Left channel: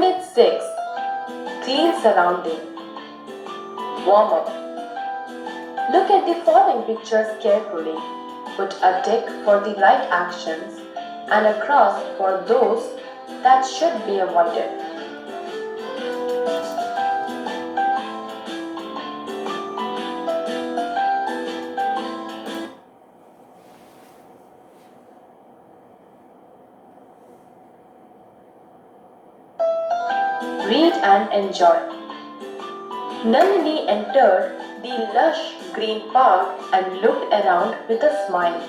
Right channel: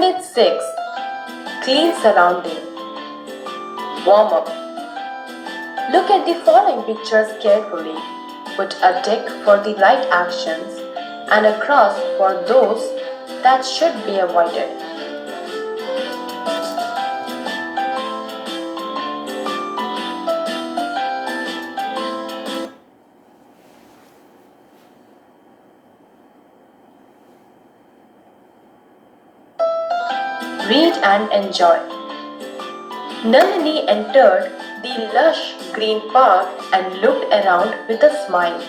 Unit 6. Clean surrounding. Warm up. Look at the following pictures carefully. Put a tick for the right actions and a cross for those that should be avoided. Read and enjoy. Nalini entered the lush green park and looked around with a smile.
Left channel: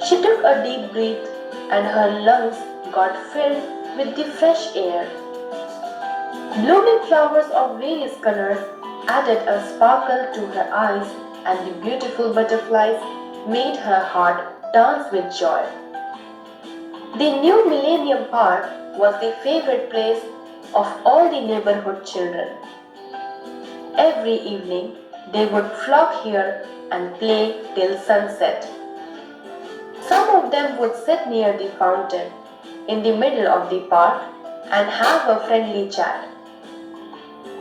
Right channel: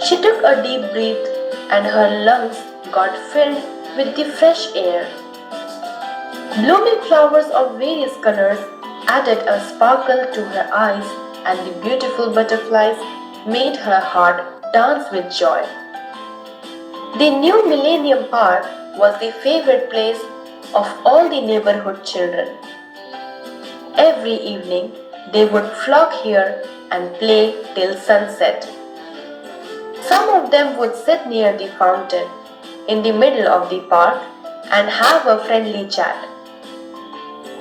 She took a deep breath and her lungs got filled with the fresh air. Blooming flowers of various colors added a sparkle to her eyes, and the beautiful butterflies made her heart dance with joy. The new Millennium Park was the favorite place of all the neighborhood children. Every evening, they would flock here and play till sunset. Some of them would sit near the fountain in the middle of the park and have a friendly chat.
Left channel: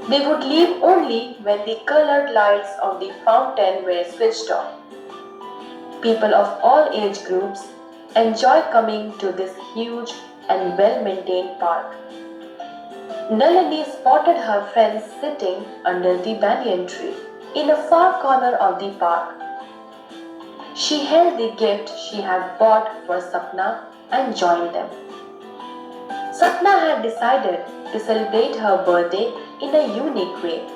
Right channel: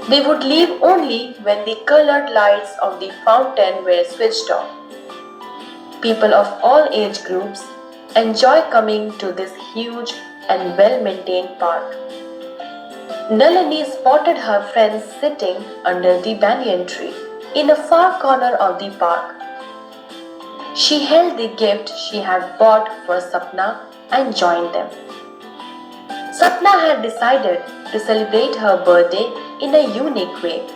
They would leave only when the colored lights of the fountain were switched on. People of all age groups enjoy coming to this huge and well-maintained park. Nalini spotted her friends sitting under the banyan tree in a far corner of the park. She held the gift she had bought for Sapna and joined them. Sapna had decided to celebrate her birthday in a unique way.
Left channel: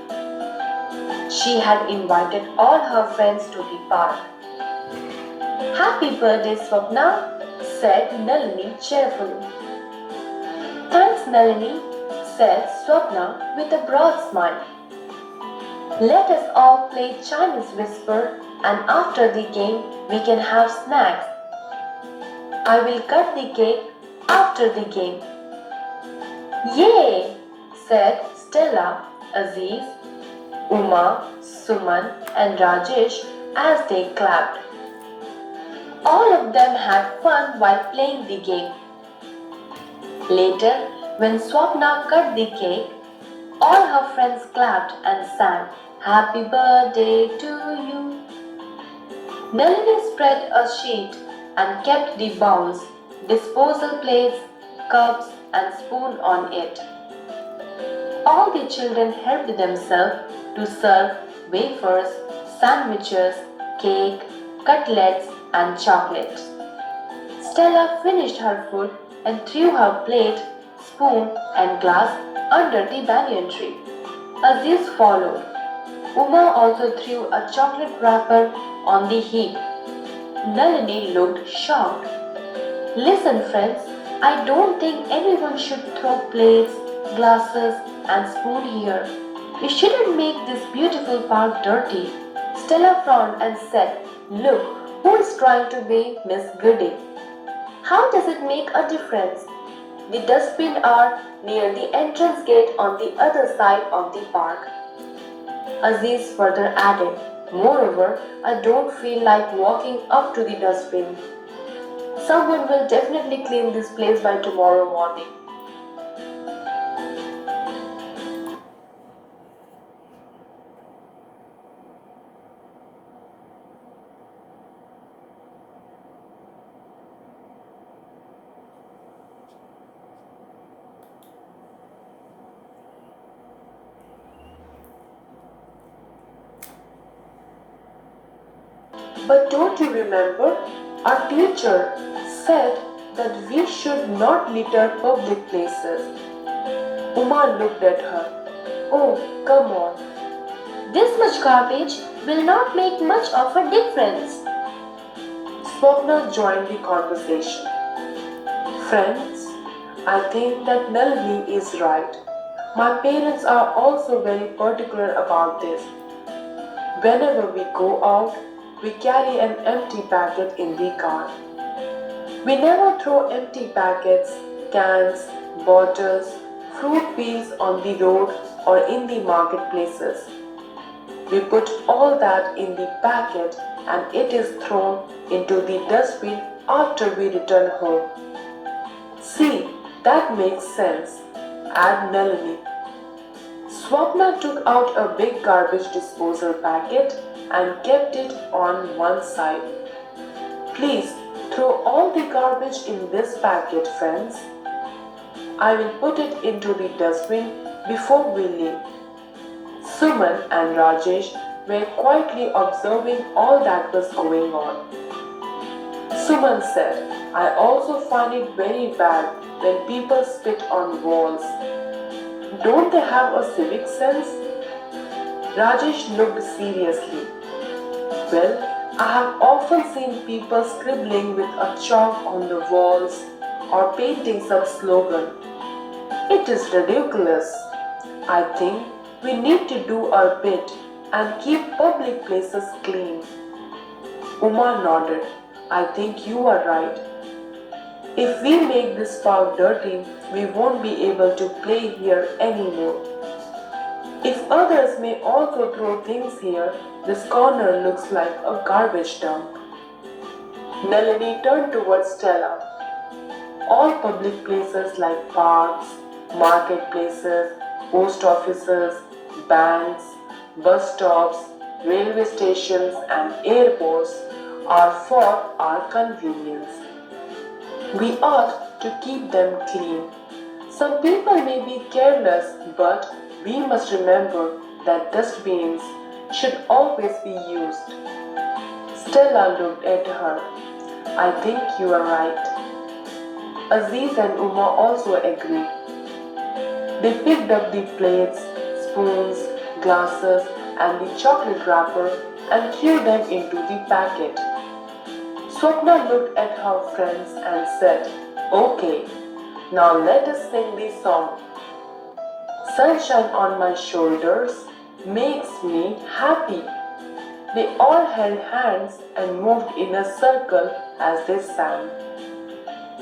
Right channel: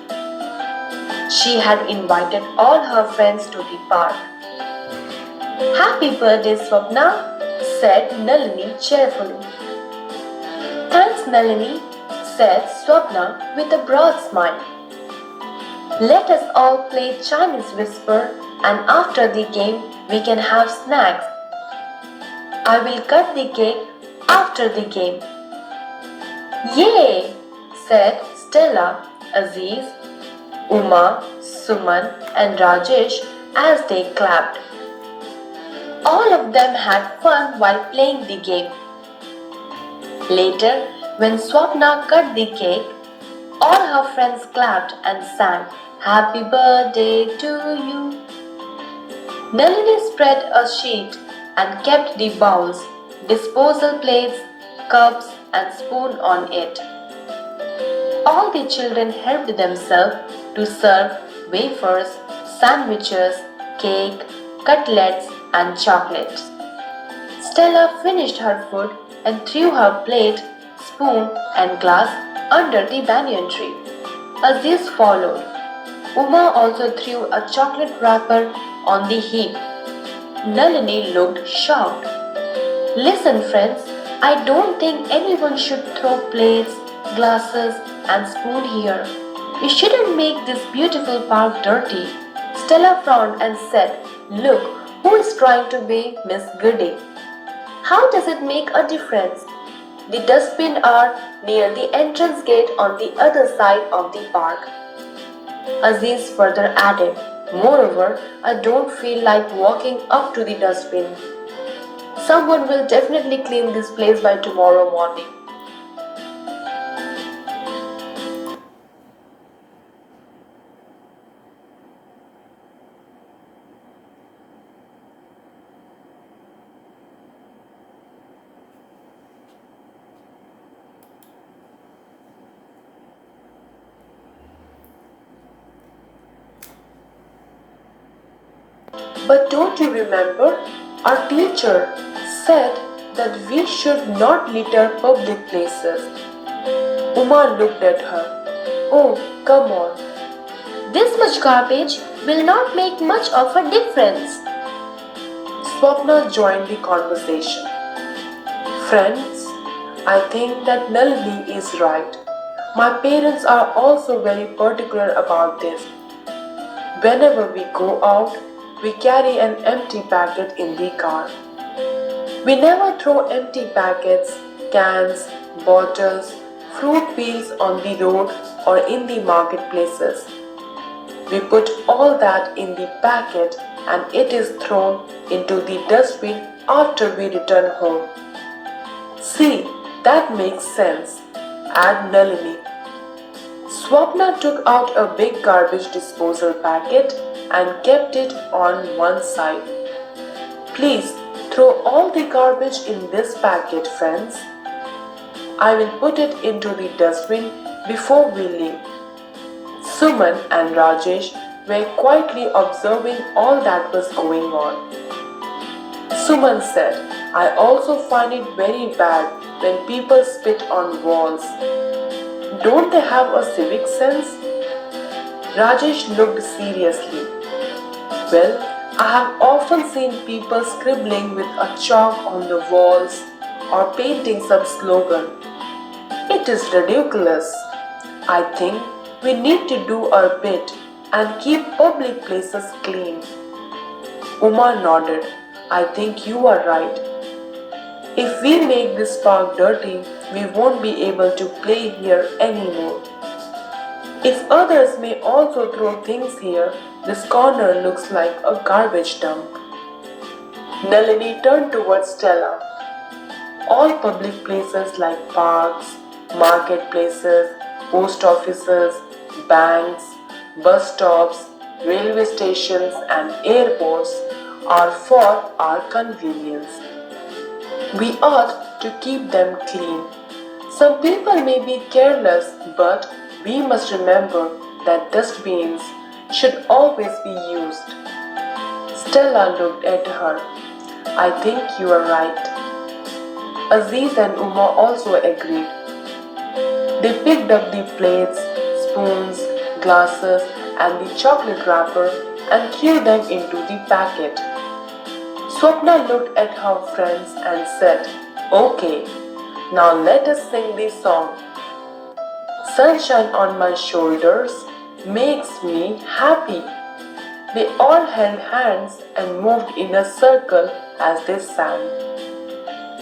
She had invited all her friends to the park. "Happy birthday, Swapna," said Nalini cheerfully. "Thanks, Nalini," said Swapna with a broad smile. "Let us all play Chinese whisper, and after the game we can have snacks. I will cut the cake after the game." "Yay!" said Stella, Aziz, Uma, Suman and Rajesh as they clapped. All of them had fun while playing the game. Later, when Swapna cut the cake, all her friends clapped and sang, "Happy birthday to you." Nalini spread a sheet and kept the bowls, disposal plates, cups and spoon on it. All the children helped themselves to serve wafers, sandwiches, cake, cutlets and chocolates. Stella finished her food and threw her plate, spoon and glass under the banyan tree. Aziz followed. Uma also threw a chocolate wrapper on the heap. Nalini looked shocked. "Listen, friends, I don't think anyone should throw plates, glasses and spoon here. You shouldn't make this beautiful park dirty." Stella frowned and said, "Look, who is trying to be Miss Goody? How does it make a difference? The dustbins are near the entrance gate on the other side of the park." Aziz further added, "Moreover, I don't feel like walking up to the dustbin. Someone will definitely clean this place by tomorrow morning." "But don't you remember? Our teacher said that we should not litter public places." Uma looked at her. "Oh, come on. This much garbage will not make much of a difference." Swapna joined the conversation. "Friends, I think that Nalini is right. My parents are also very particular about this. Whenever we go out, we carry an empty packet in the car. We never throw empty packets, cans, bottles, fruit peels on the road or in the marketplaces. We put all that in the packet and it is thrown into the dustbin after we return home. See, that makes sense. at Nalini. Swapna took out a big garbage disposal packet and kept it on one side. Please throw all the garbage in this packet, friends. I will put it into the dustbin before we leave. Suman and Rajesh were quietly observing all that was going on. Suman said, I also find it very bad when people spit on walls. Don't they have a civic sense? Rajesh looked seriously. Well, I have often seen people scribbling with a chalk on the walls or painting some slogan. It is ridiculous. I think we need to do our bit and keep public places clean. Uma nodded. I think you are right. If we make this park dirty, we won't be able to play here anymore. If others may also throw things here, this corner looks like a garbage dump. Nalini turned towards Stella. All public places like parks, marketplaces, post offices, banks, bus stops, railway stations, and airports are for our convenience. We ought to keep them clean. Some people may be careless, but we must remember that dustbins should always be used. Stella looked at her. I think you are right. Aziz and Uma also agreed. They picked up the plates, spoons, glasses, and the chocolate wrapper and threw them into the packet. Swapna looked at her friends and said, Okay, now let us sing the song. Sunshine on my shoulders makes me happy. They all held hands and moved in a circle as they sang.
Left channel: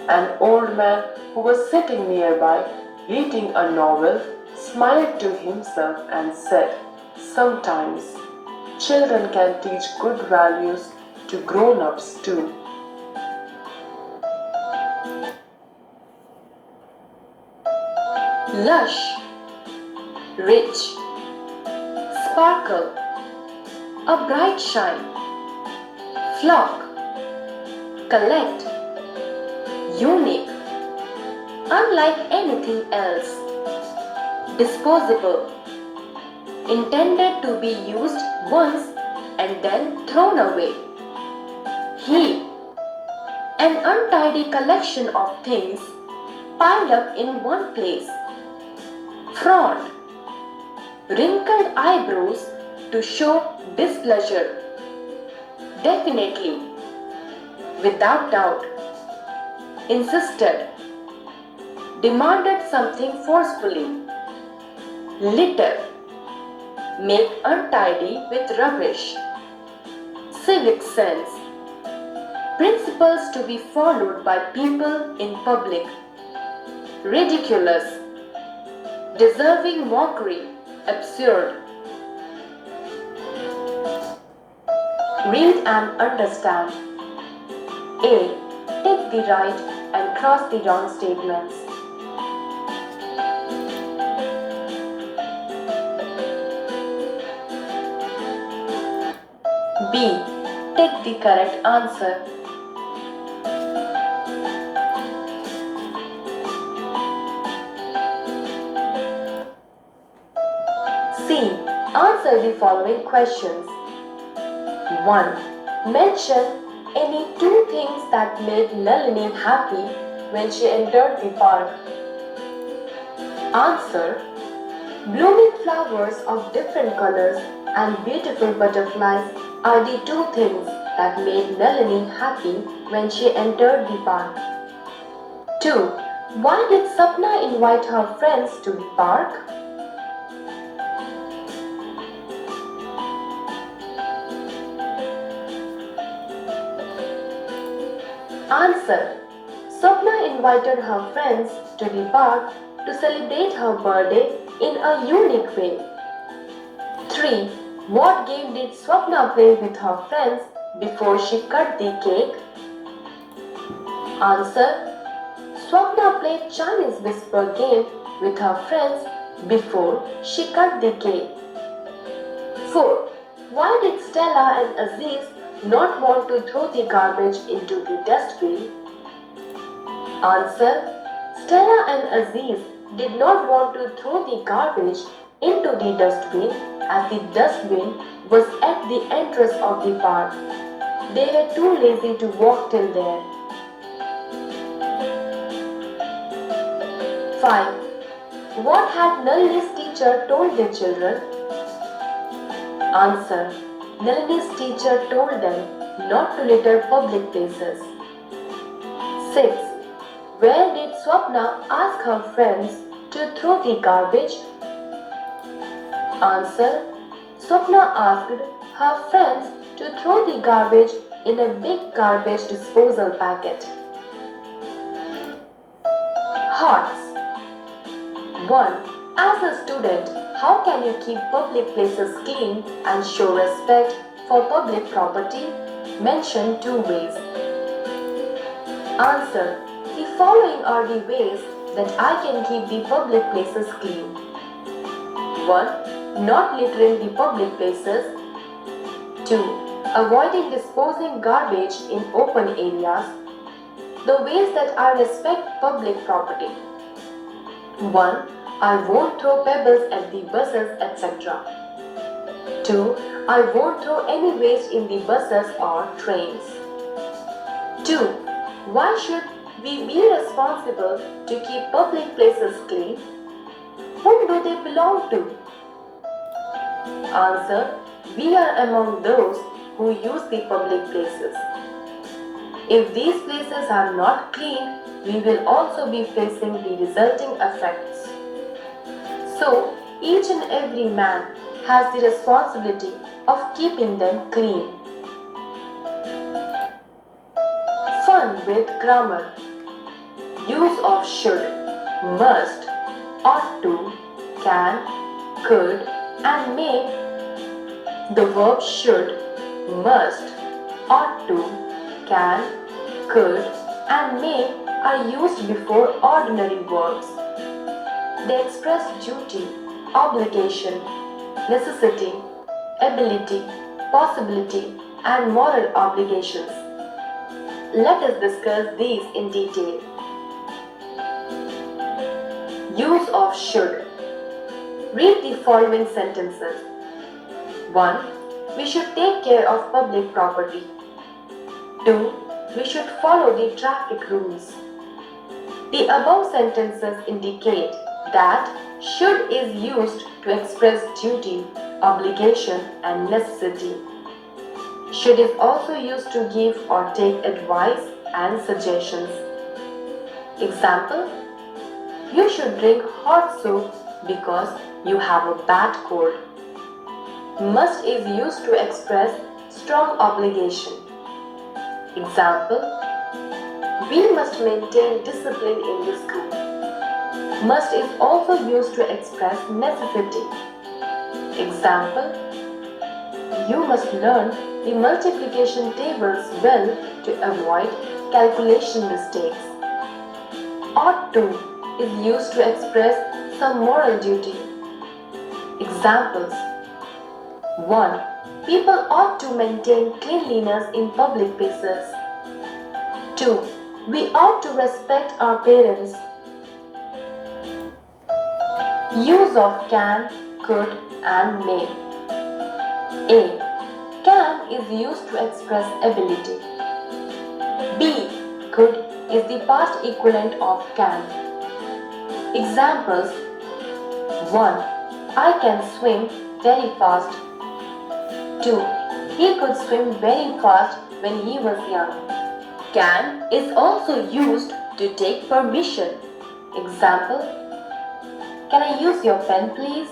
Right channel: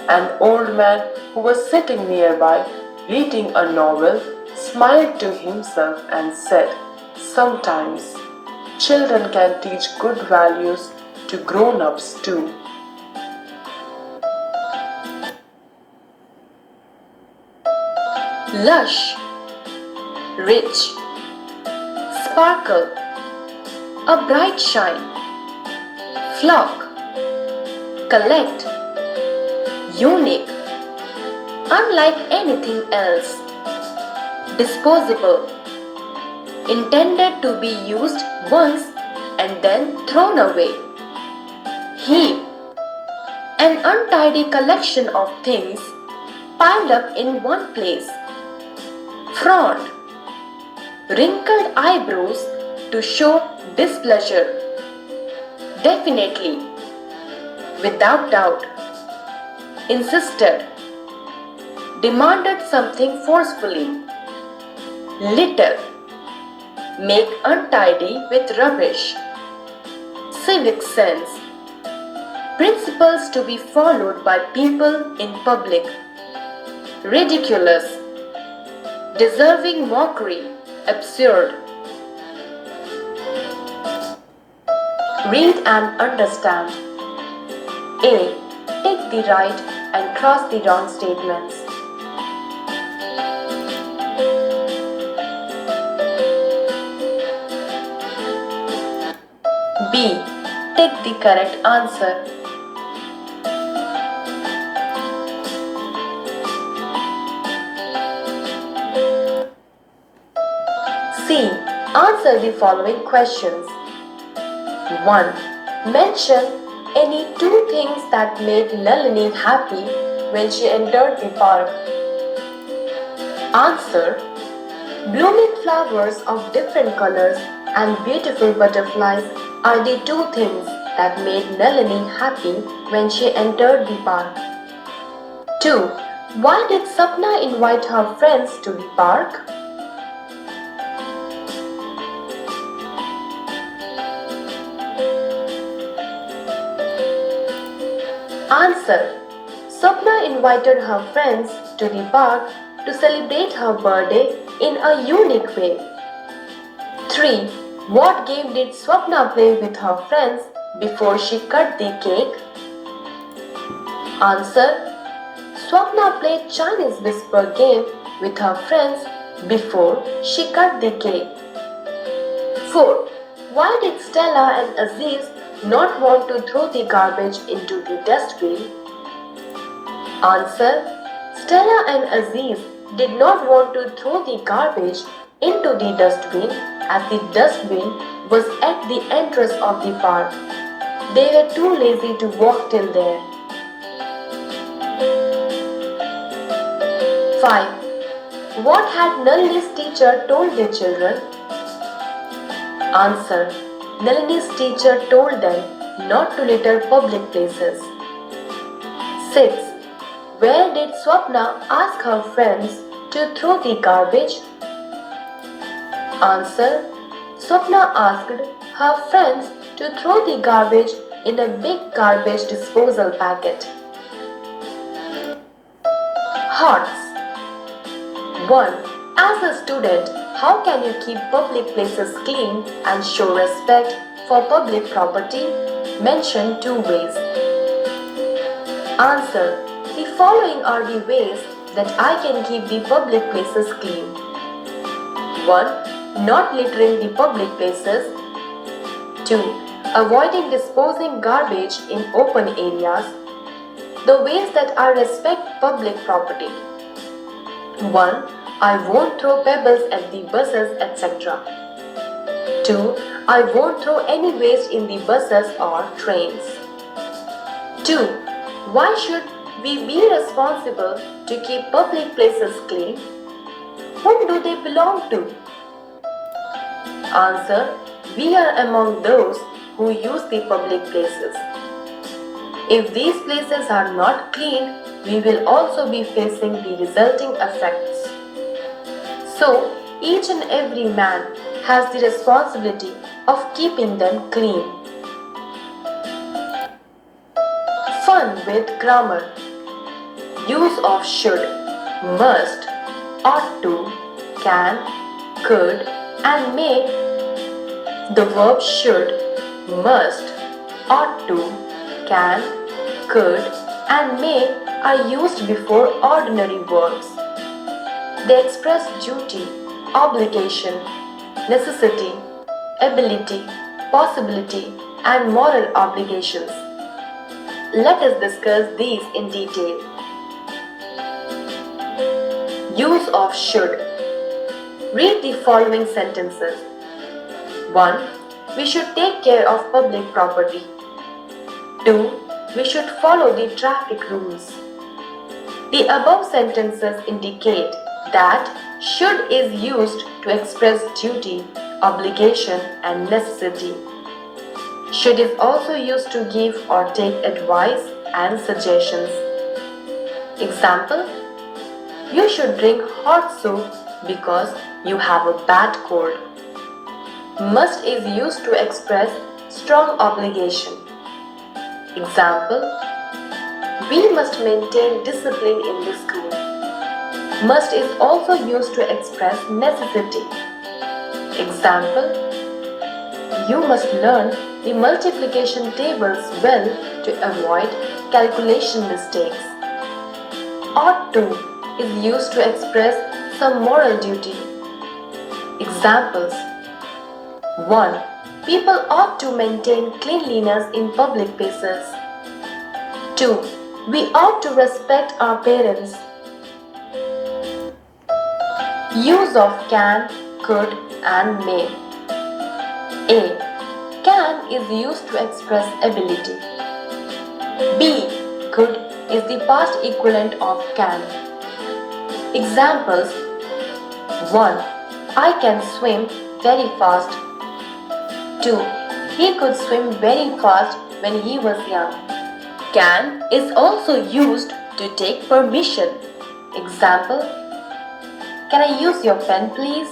An old man who was sitting nearby reading a novel smiled to himself and said, Sometimes children can teach good values to grown-ups too. Lush, rich, sparkle, a bright shine, flock, collect, unique, unlike anything else, disposable, intended to be used once and then thrown away. Heap, an untidy collection of things piled up in one place. Front, wrinkled eyebrows to show displeasure. Definitely, without doubt, insisted, demanded something forcefully. Litter, make untidy with rubbish. Civic sense, principles to be followed by people in public. Ridiculous, deserving mockery, absurd. Read and understand. A. Take the right and cross the wrong statements. B. Take the correct answer. C. Answer the following questions. 1. Mention any two things that made Nalini happy when she entered the park. Answer. Blooming flowers of different colors and beautiful butterflies are the two things that made Nalini happy when she entered the park. 2. Why did Sapna invite her friends to the park? Answer. Sapna invited her friends to the park to celebrate her birthday in a unique way. 3. What game did Swapna play with her friends before she cut the cake? Answer. Swapna played Chinese whisper game with her friends before she cut the cake. 4. Why did Stella and Aziz not want to throw the garbage into the dustbin? Answer. Stella and Aziz did not want to throw the garbage into the dustbin as the dustbin was at the entrance of the park. They were too lazy to walk till there. 5. What had Nalini's teacher told the children? Answer. Nalini's teacher told them not to litter public places. 6. Where did Swapna ask her friends to throw the garbage? Answer. Swapna asked her friends to throw the garbage in a big garbage disposal packet. Hearts. 1. As a student, how can you keep public places clean and show respect for public property? Mention 2 ways. Answer. The following are the ways that I can keep the public places clean. 1. Not littering the public places. 2. Avoiding disposing garbage in open areas. The ways that I respect public property. 1. I won't throw pebbles at the buses, etc. 2. I won't throw any waste in the buses or trains. 2. Why should we be responsible to keep public places clean? Whom do they belong to? Answer. We are among those who use the public places. If these places are not clean, we will also be facing the resulting effects. So, each and every man has the responsibility of keeping them clean. Fun with grammar. Use of should, must, ought to, can, could, and may. The verbs should, must, ought to, can, could, and may are used before ordinary verbs. They express duty, obligation, necessity, ability, possibility, and moral obligations. Let us discuss these in detail. Use of should. Read the following sentences. 1. We should take care of public property. 2. We should follow the traffic rules. The above sentences indicate that should is used to express duty, obligation, and necessity. Should is also used to give or take advice and suggestions. Example: you should drink hot soup because you have a bad cold. Must is used to express strong obligation. Example: we must maintain discipline in the school. Must is also used to express necessity. Example: you must learn the multiplication tables well to avoid calculation mistakes. Ought to is used to express some moral duty. Examples: 1. People ought to maintain cleanliness in public places. 2. We ought to respect our parents. Use of can, could, and may. A. Can is used to express ability. B. Could is the past equivalent of can. Examples: 1. I can swim very fast. 2. He could swim very fast when he was young. Can is also used to take permission. Example: can I use your pen, please?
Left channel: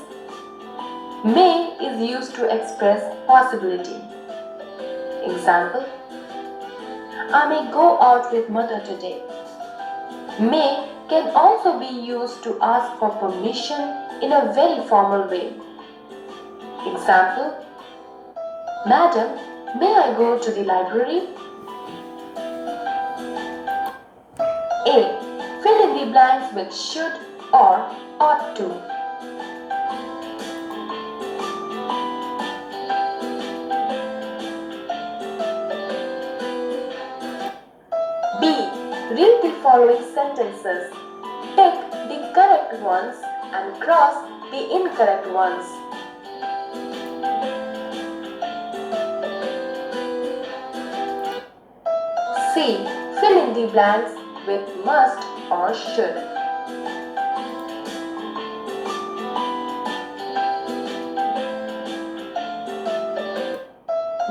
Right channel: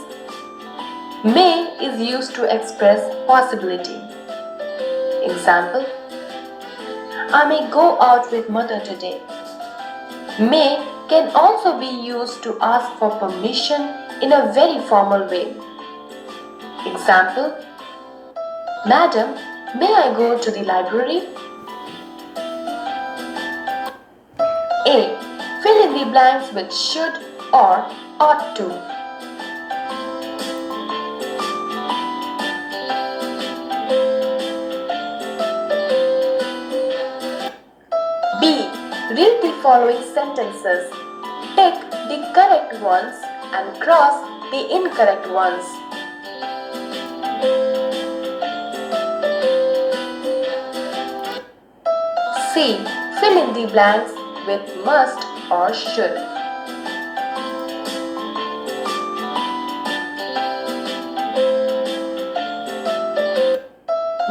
May is used to express possibility. Example: I may go out with mother today. May can also be used to ask for permission in a very formal way. Example: Madam, may I go to the library? A. Fill in the blanks with should, or ought to. B. Read the following sentences. Tick the correct ones and cross the incorrect ones. C. Fill in the blanks with must or should.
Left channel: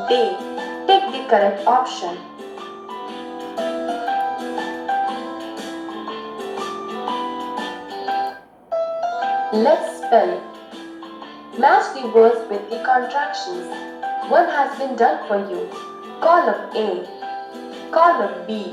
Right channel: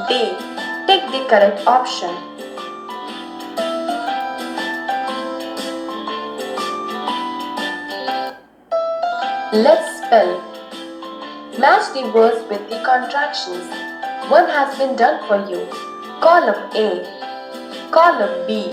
D. Tick the correct option. Let's spell. Match the words with the contractions. One has been done for you. Column A. Column B.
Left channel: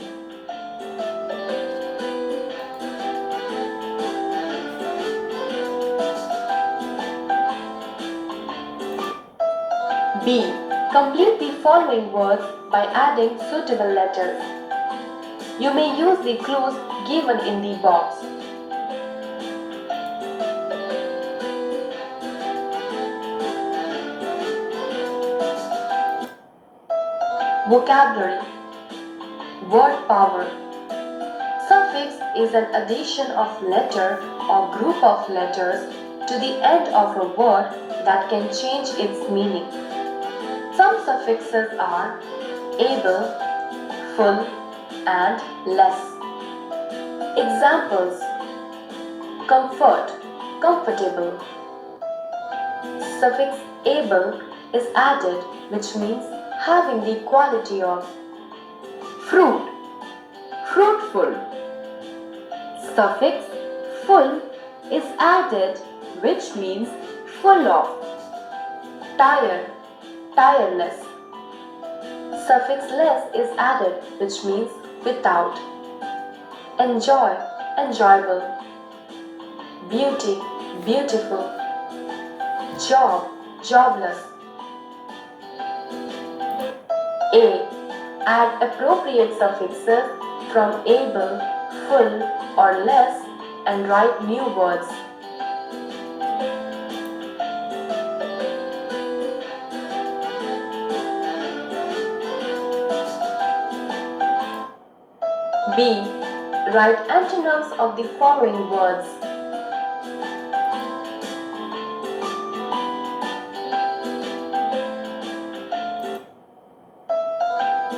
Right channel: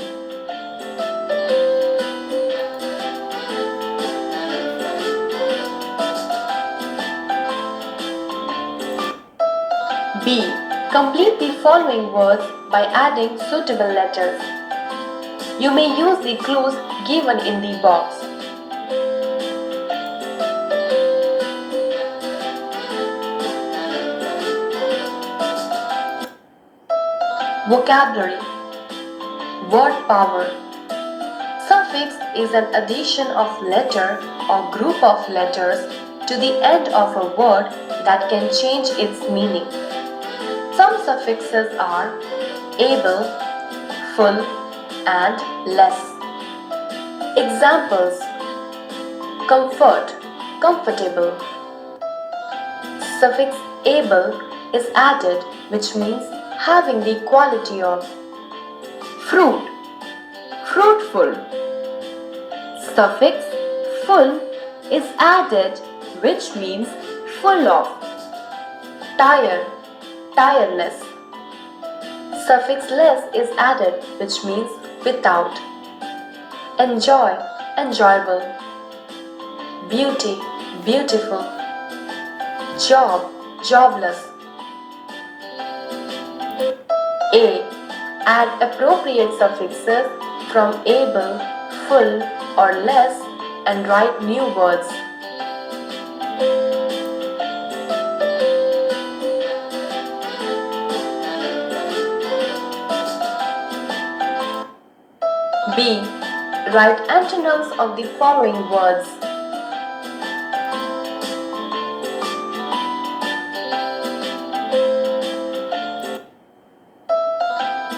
B. Complete the following words by adding suitable letters. You may use the clues given in the box. Vocabulary. Word power. Suffix is an addition of letter or group of letters to the end of a word that can change its meaning. Some suffixes are able, full, and less. Examples: comfort, comfortable. Suffix able is added, which means having the quality of. Fruit, fruitful. Suffix full is added, which means full of. Tire, tireless. Suffix less is added, which means without. Enjoy, enjoyable. Beauty, beautiful. Job, jobless. A. Add appropriate suffixes from able, full, or less and write new words. B. Write antonyms of the following words.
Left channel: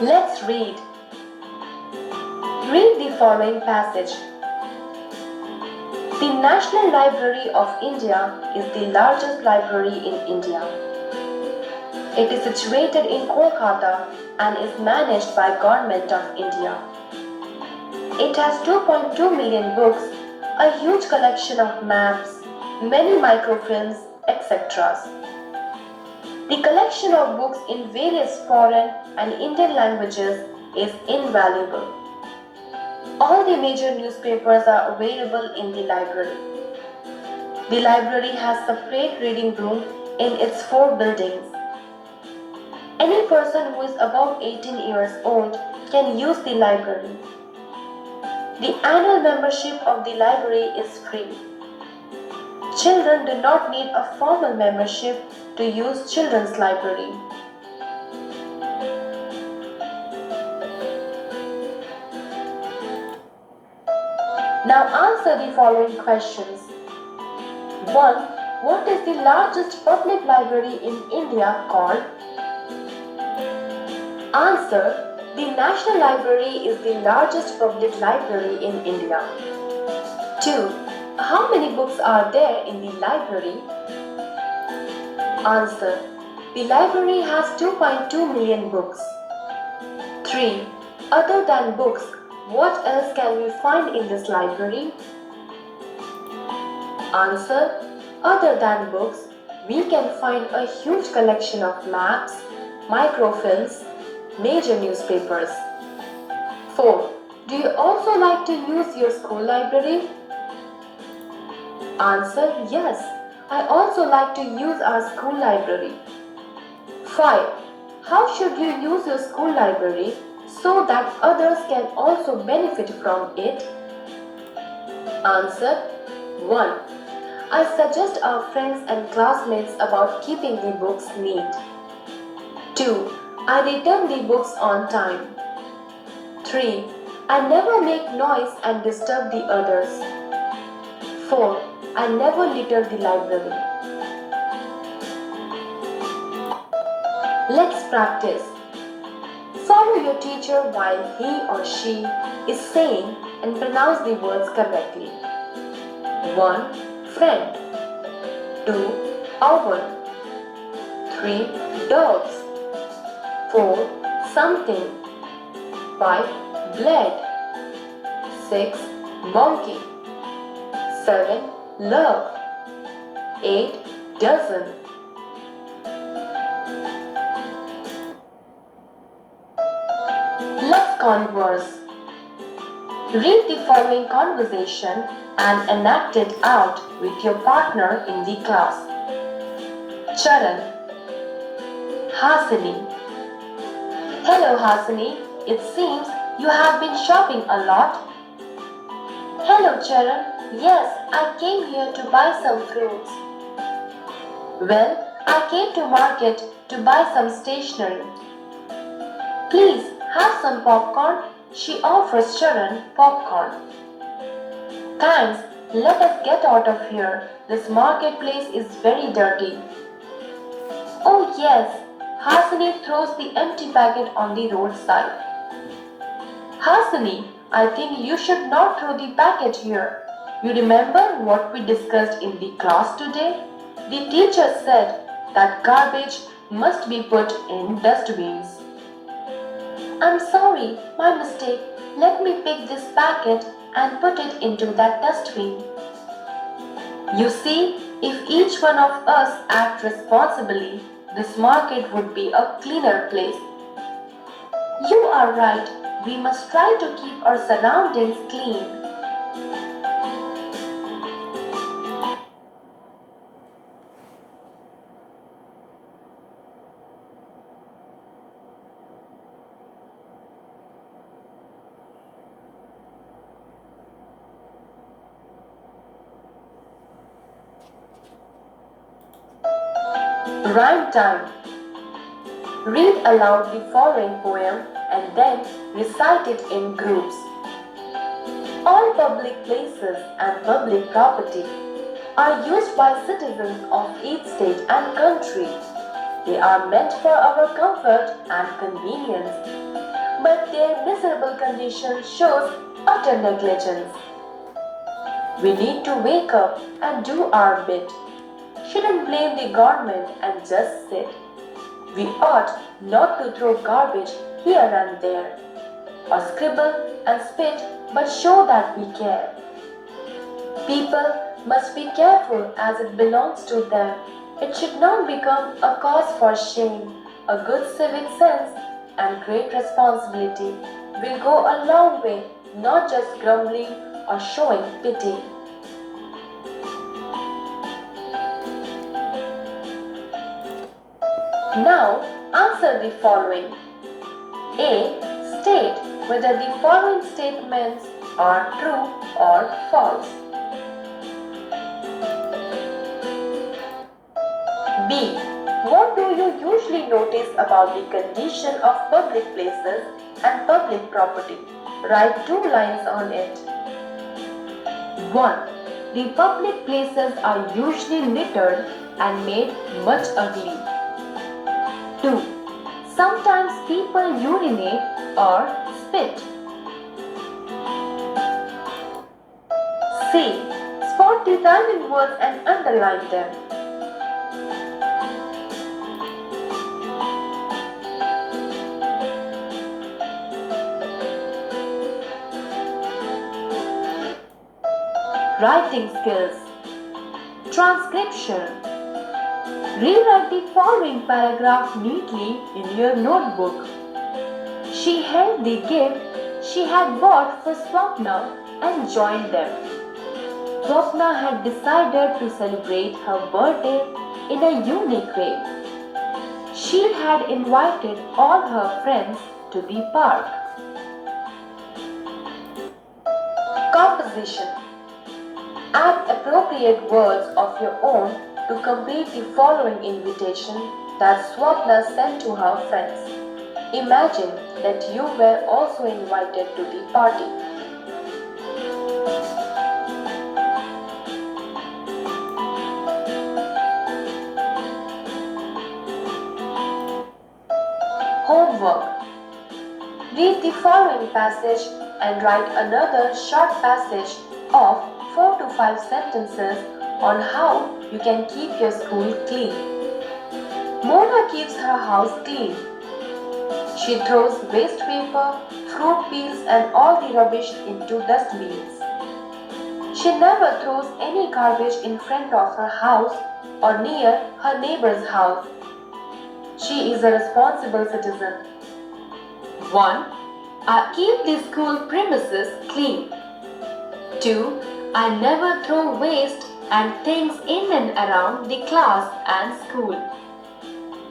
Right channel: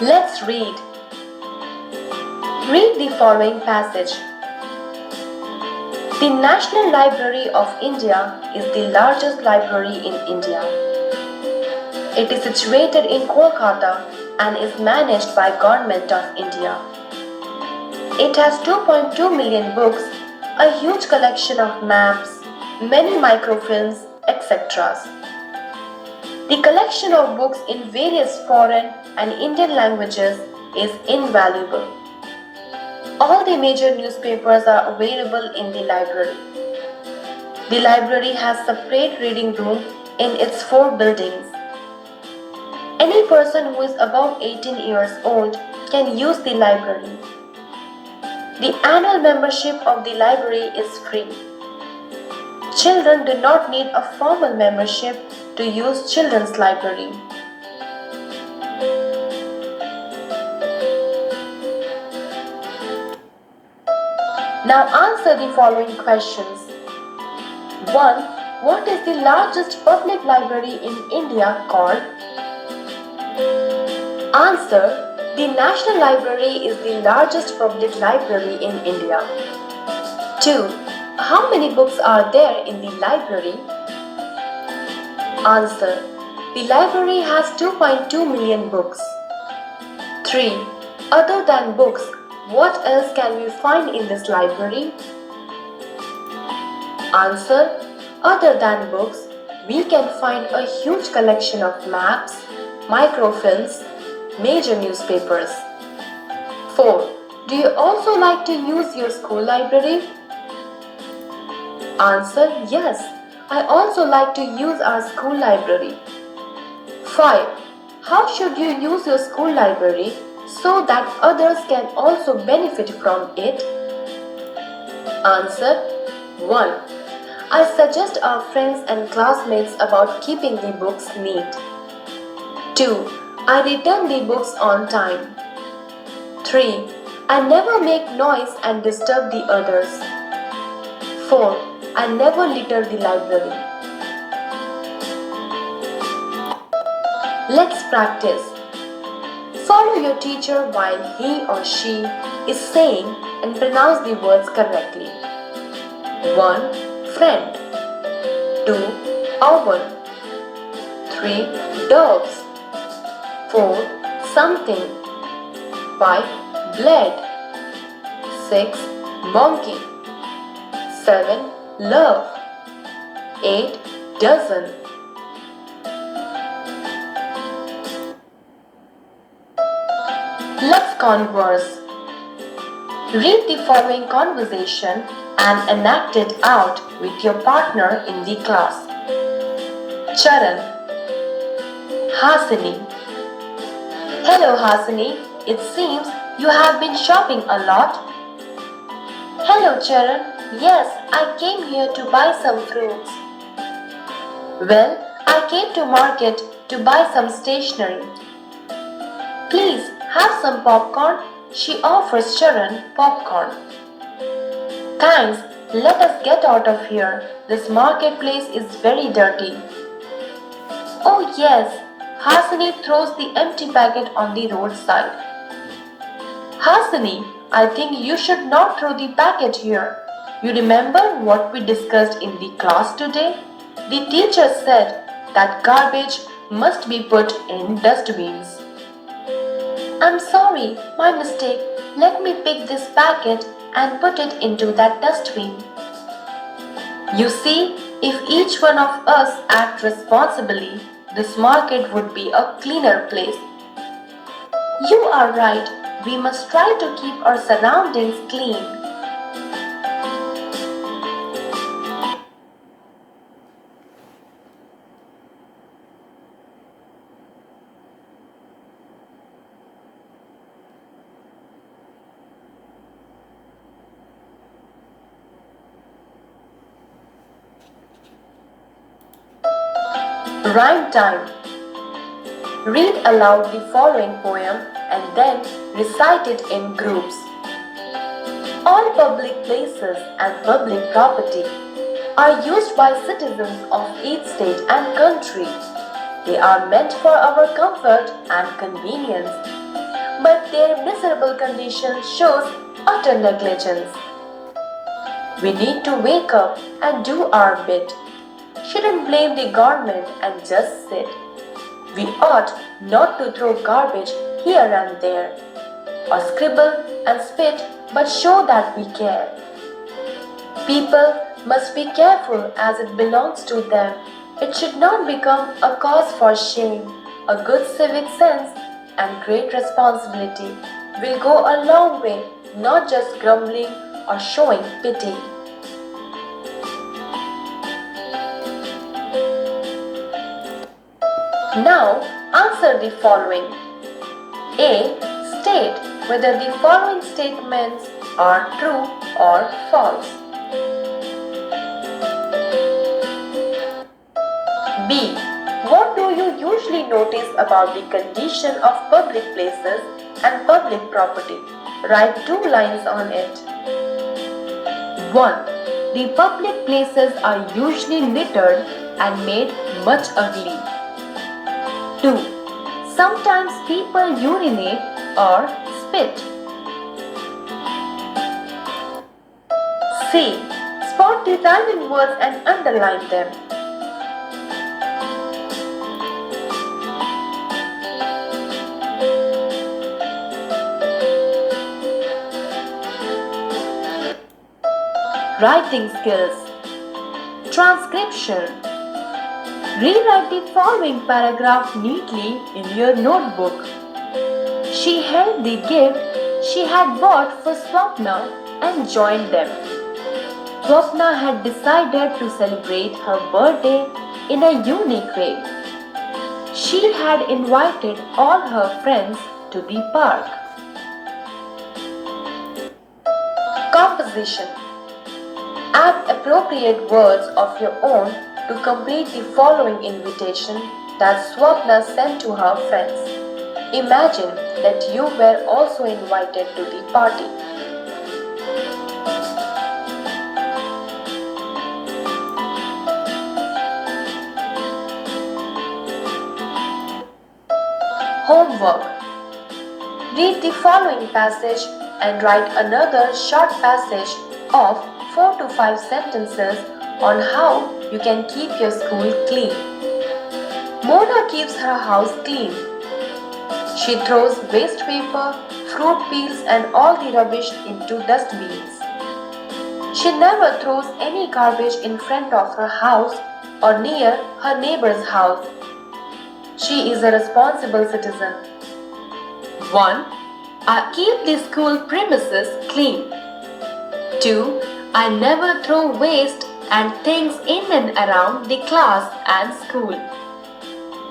Let's read. Read the following passage. The National Library of India is the largest library in India. It is situated in Kolkata and is managed by Government of India. It has 2.2 million books, a huge collection of maps, many microfilms, etc. The collection of books in various foreign and Indian languages is invaluable. All the major newspapers are available in the library. The library has separate reading room in its 4 buildings. Any person who is above 18 years old can use the library. The annual membership of the library is free. Children do not need a formal membership to use children's library. Now answer the following questions. 1. What is the largest public library in India called? Answer. The National Library is the largest public library in India. 2. How many books are there in the library? Answer. The library has 2.2 million books. 3. Other than books, what else can we find in this library? Answer. Other than books, we can find a huge collection of maps, microfilms, major newspapers. 4. Do you also like to use your school library? Answer. Yes, I also like to use our school library. 5. How should you use your school library so that others can also benefit from it? Answer. 1. I suggest our friends and classmates about keeping the books neat. 2. I return the books on time. 3. I never make noise and disturb the others. 4. I never litter the library. Let's practice. Follow your teacher while he or she is saying and pronounce the words correctly. 1. Friend. 2. Oven. 3. Dogs. 4. Something. 5. Bled. 6. Monkey. 7. Love. 8. Dozen. Let's converse. Read the following conversation and enact it out with your partner in the class. Charan. Hasini. Hello Hasini, it seems you have been shopping a lot. Hello Charan, yes, I came here to buy some fruits. Well, I came to market to buy some stationery. Please have some popcorn. She offers Charan popcorn. Thanks, let us get out of here. This marketplace is very dirty. Oh yes, Hasini throws the empty packet on the roadside. Hasini, I think you should not throw the packet here. You remember what we discussed in the class today? The teacher said that garbage must be put in dustbins. I'm sorry, my mistake. Let me pick this packet and put it into that dustbin. You see, if each one of us acts responsibly, this market would be a cleaner place. You are right. We must try to keep our surroundings clean. Rhyme time. Read aloud the following poem and then recite it in groups. All public places and public property are used by citizens of each state and country. They are meant for our comfort and convenience, but their miserable condition shows utter negligence. We need to wake up and do our bit. Shouldn't blame the government and just sit. We ought not to throw garbage here and there, or scribble and spit but show that we care. People must be careful as it belongs to them. It should not become a cause for shame. A good civic sense and great responsibility will go a long way, not just grumbling or showing pity. Now, answer the following. A. State whether the following statements are true or false. B. What do you usually notice about the condition of public places and public property? Write 2 lines on it. 1. The public places are usually littered and made much ugly. 2. Sometimes people urinate or spit. C. Spot the rhyming words and underline them. Writing skills. Transcription. Rewrite the following paragraph neatly in your notebook. She held the gift she had bought for Swapna and joined them. Swapna had decided to celebrate her birthday in a unique way. She had invited all her friends to the park. Composition. Add appropriate words of your own to complete the following invitation that Swapna sent to her friends. Imagine that you were also invited to the party. Homework. Read the following passage and write another short passage of 4 to 5 sentences on how you can keep your school clean. Mona keeps her house clean. She throws waste paper, fruit peels and all the rubbish into dustbins. She never throws any garbage in front of her house or near her neighbor's house. She is a responsible citizen. 1. I keep the school premises clean. 2. I never throw waste and things in and around the class and school.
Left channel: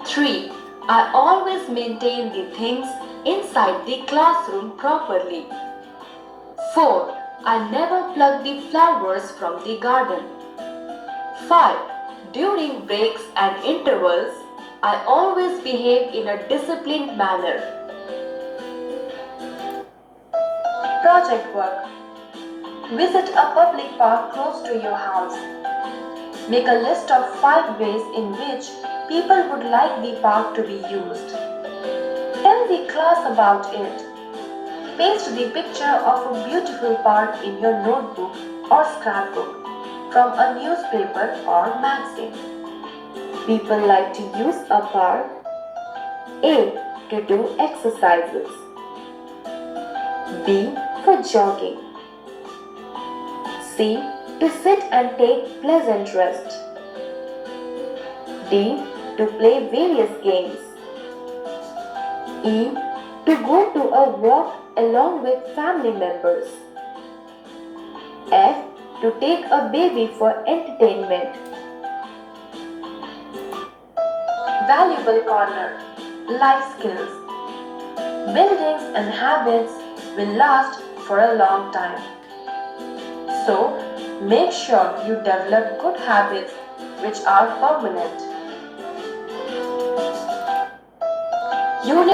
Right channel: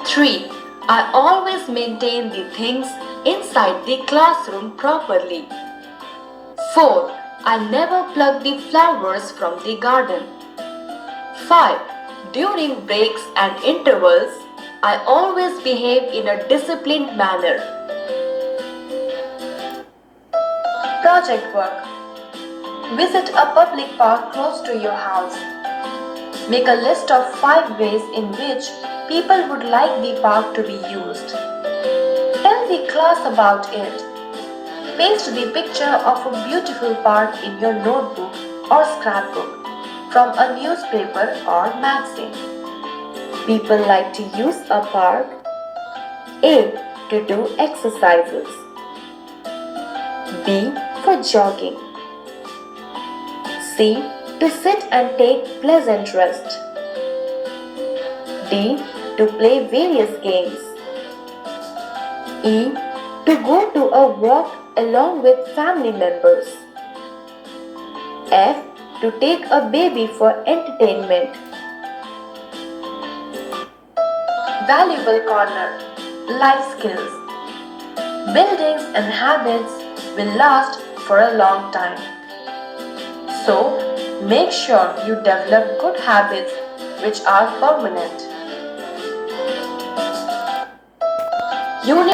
3. I always maintain the things inside the classroom properly. 4. I never pluck the flowers from the garden. 5. During breaks and intervals, I always behave in a disciplined manner. Project work. Visit a public park close to your house. Make a list of 5 ways in which people would like the park to be used. Tell the class about it. Paste the picture of a beautiful park in your notebook or scrapbook from a newspaper or magazine. People like to use a park. A. To do exercises. B. For jogging. C. To sit and take pleasant rest. D. To play various games. E. To go to a walk along with family members. F. To take a baby for entertainment. Valuable corner. Life skills. Buildings and habits will last for a long time. So, make sure you develop good habits which are permanent. Unit